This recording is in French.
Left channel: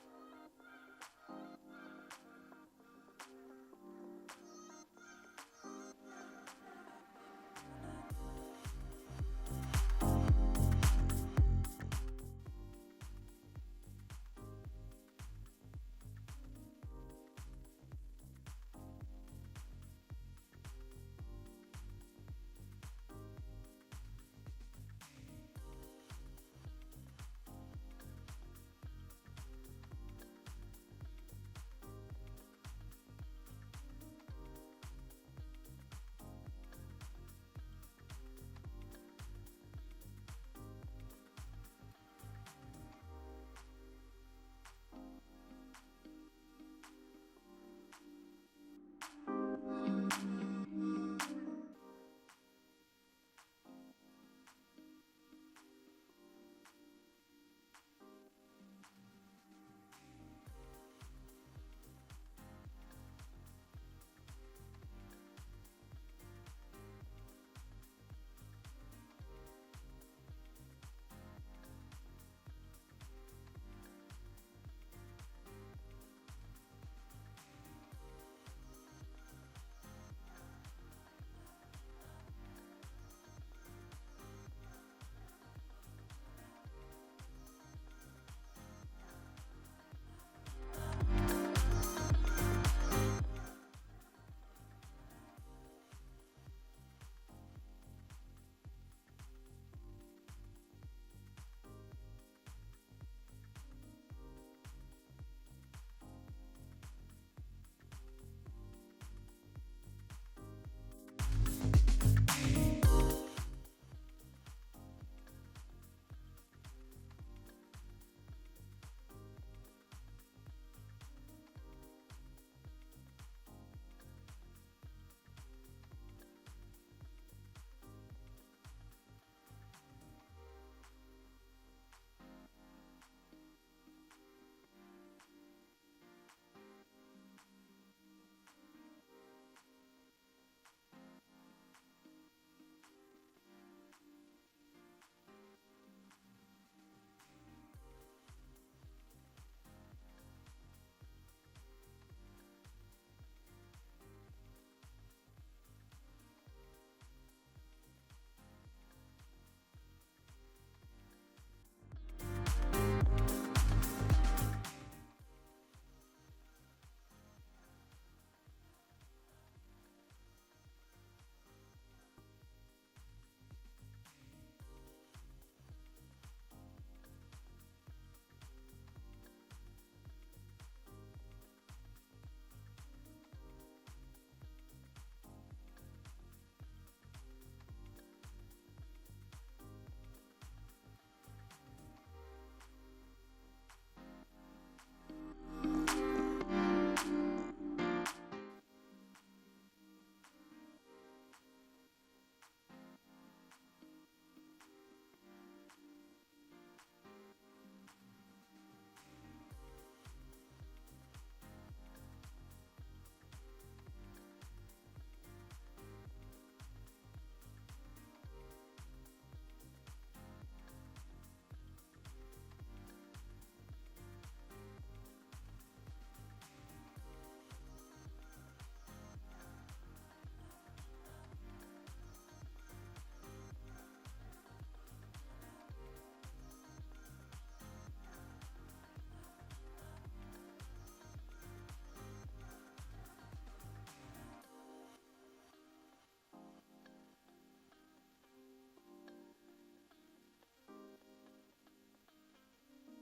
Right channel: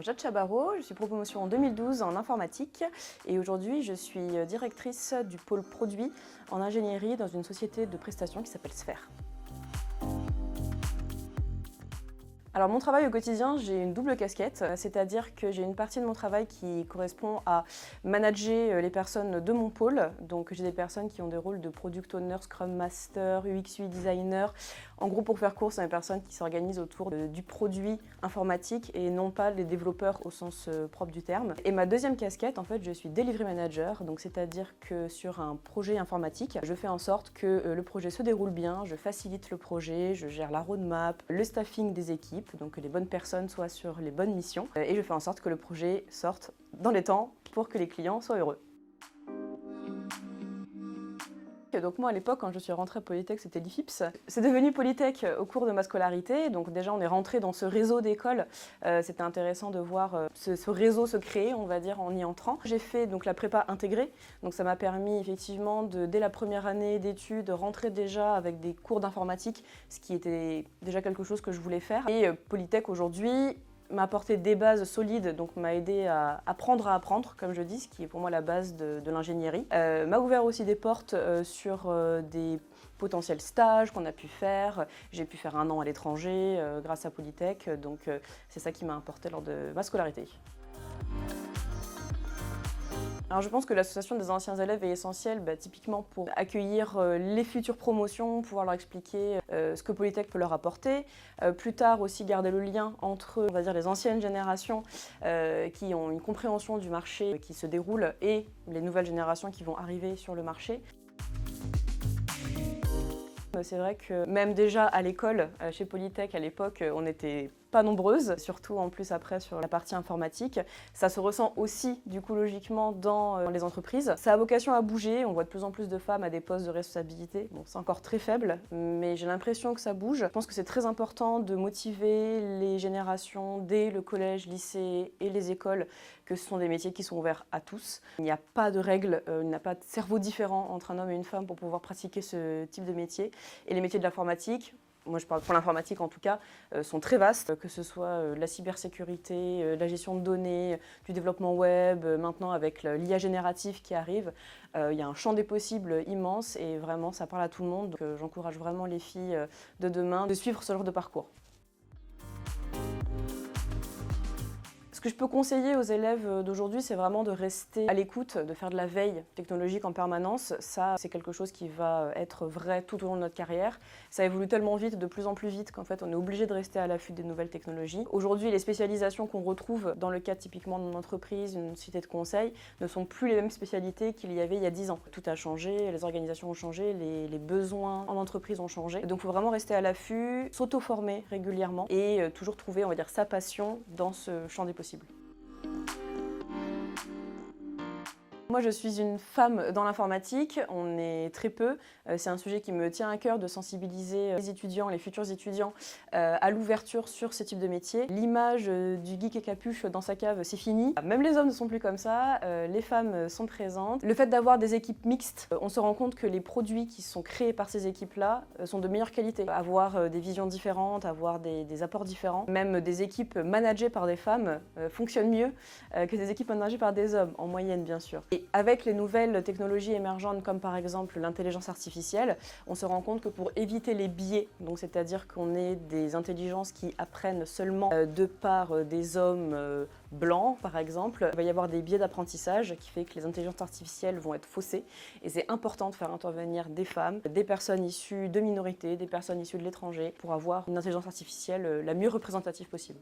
Alors Jade Chabarro, je suis promotion en 2012 en informatique et aujourd'hui je suis directrice du pôle produit en ingénierie dans une société de prestations qui s'appelle Sphère. Alors mon travail au quotidien, j'ai une double casquette, c'est-à-dire que j'ai une partie de mon travail qui correspond à manager les personnes de mon pôle. Donc j'ai des personnes qui ont des rôles de Product Owner, Scrum Master, UX UI Designer. En gros, pour faire court, c'est des personnes qui s'organisent autour du produit informatique et non pas les développeurs au sens propre du terme. Et ma deuxième casquette, en fait, je suis Delivery Manager, donc c'est-à-dire que sur un projet informatique, je fais en sorte que le projet se déroule bien, je facilite le projet, je gère la roadmap, le staffing des équipes, donc que les bonnes personnes soient sur les bonnes missions et je fais en sorte que le projet sorte dans les temps pour que les clients soient heureux. Donc moi à l'époque quand je suis rentrée à Polytech c'était l'IFIPS. C'est devenu Polytech au cours de ma scolarité, donc déjà on est rentré dans ce réseau d'écoles. C'était intéressant de voir ce réseau se créer, on va dire, en y entrant. J'ai fait donc la prépa intégrée, donc ça m'a permis effectivement dès la première année d'études, rentrer déjà avec des cours d'informatique, ce qui était déjà quelque chose que je voulais faire. Et Polytech aujourd'hui m'a apporté des bases solides, donc m'a aidé à apprendre, comme je dis, ce qui est pour moi la base de l'ingénierie. M'a ouvert aussi des portes sur des potentiels stages qu'on a pu faire. J'ai pu faire 1 an à l'étranger grâce à Polytech, donc c'est ça qui m'a apporté lors de ma scolarité. Alors je pense que l'association des anciens élèves est essentielle typiquement pour accueillir les futures promotions, pouvoir leur expliquer ce que Polytech peut leur apporter. Plus tard aussi garder le lien entre, on va dire, les anciennes générations qui ont une compréhension du marché qui se déroule et les nouvelles générations qui vont arriver sur le marché. C'est vrai que même déjà à l'école, chez Polytech à l'époque, on n'était pas nombreuses, surtout en plus après sur la partie informatique. Ça se ressent aussi du coup logiquement dans les entreprises. Ça a vocation à bouger, on voit de plus en plus de femmes à des postes de responsabilité. Bon, c'est encore très faible, mais j'ai l'impression que ça bouge. Je pense que c'est très important de motiver les générations dès le collège, lycée et les écoles que ce sont des métiers qui sont ouverts à tous. Il n'y a pas de règles, il n'y a pas de cerveau différent entre un homme et une femme pour pouvoir pratiquer ce type de métier. Et les métiers de l'informatique, moi je parle pour l'informatique en tout cas, sont très vastes, que ce soit la cybersécurité, la gestion de données, du développement web, maintenant avec l'IA générative qui arrive, il y a un champ des possibles immense et vraiment ça parle à tout le monde. Donc j'encourage vraiment les filles de demain de suivre ce genre de parcours. Ce que je peux conseiller aux élèves d'aujourd'hui, c'est vraiment de rester à l'écoute, de faire de la veille technologique en permanence. Ça, c'est quelque chose qui va être vrai tout au long de notre carrière. Ça évolue tellement vite, de plus en plus vite, qu'en fait, on est obligé de rester à l'affût des nouvelles technologies. Aujourd'hui, les spécialisations qu'on retrouve dans le cadre typiquement d'une entreprise, d'une société de conseil, ne sont plus les mêmes spécialités qu'il y avait il y a 10 ans. Tout a changé, les organisations ont changé, les besoins en entreprise ont changé. Donc, il faut vraiment rester à l'affût, s'auto-former régulièrement et toujours trouver, on va dire, sa passion dans ce champ des possibles. Moi, je suis une femme dans l'informatique, on est très peu. C'est un sujet qui me tient à cœur de sensibiliser les étudiants, les futurs étudiants à l'ouverture sur ce type de métier. L'image du geek et capuche dans sa cave, c'est fini. Même les hommes ne sont plus comme ça, les femmes sont présentes. Le fait d'avoir des équipes mixtes, on se rend compte que les produits qui sont créés par ces équipes-là sont de meilleure qualité. Avoir des visions différentes, avoir des apports différents. Même des équipes managées par des femmes fonctionnent mieux que des équipes managées par des hommes, en moyenne bien sûr. Et avec les nouvelles technologies émergentes comme par exemple l'intelligence artificielle, on se rend compte que pour éviter les biais, donc c'est-à-dire qu'on ait des intelligences qui apprennent seulement de par des hommes blancs par exemple, il va y avoir des biais d'apprentissage qui fait que les intelligences artificielles vont être faussées et c'est important de faire intervenir des femmes, des personnes issues de minorités, des personnes issues de l'étranger pour avoir une intelligence artificielle la mieux représentative possible.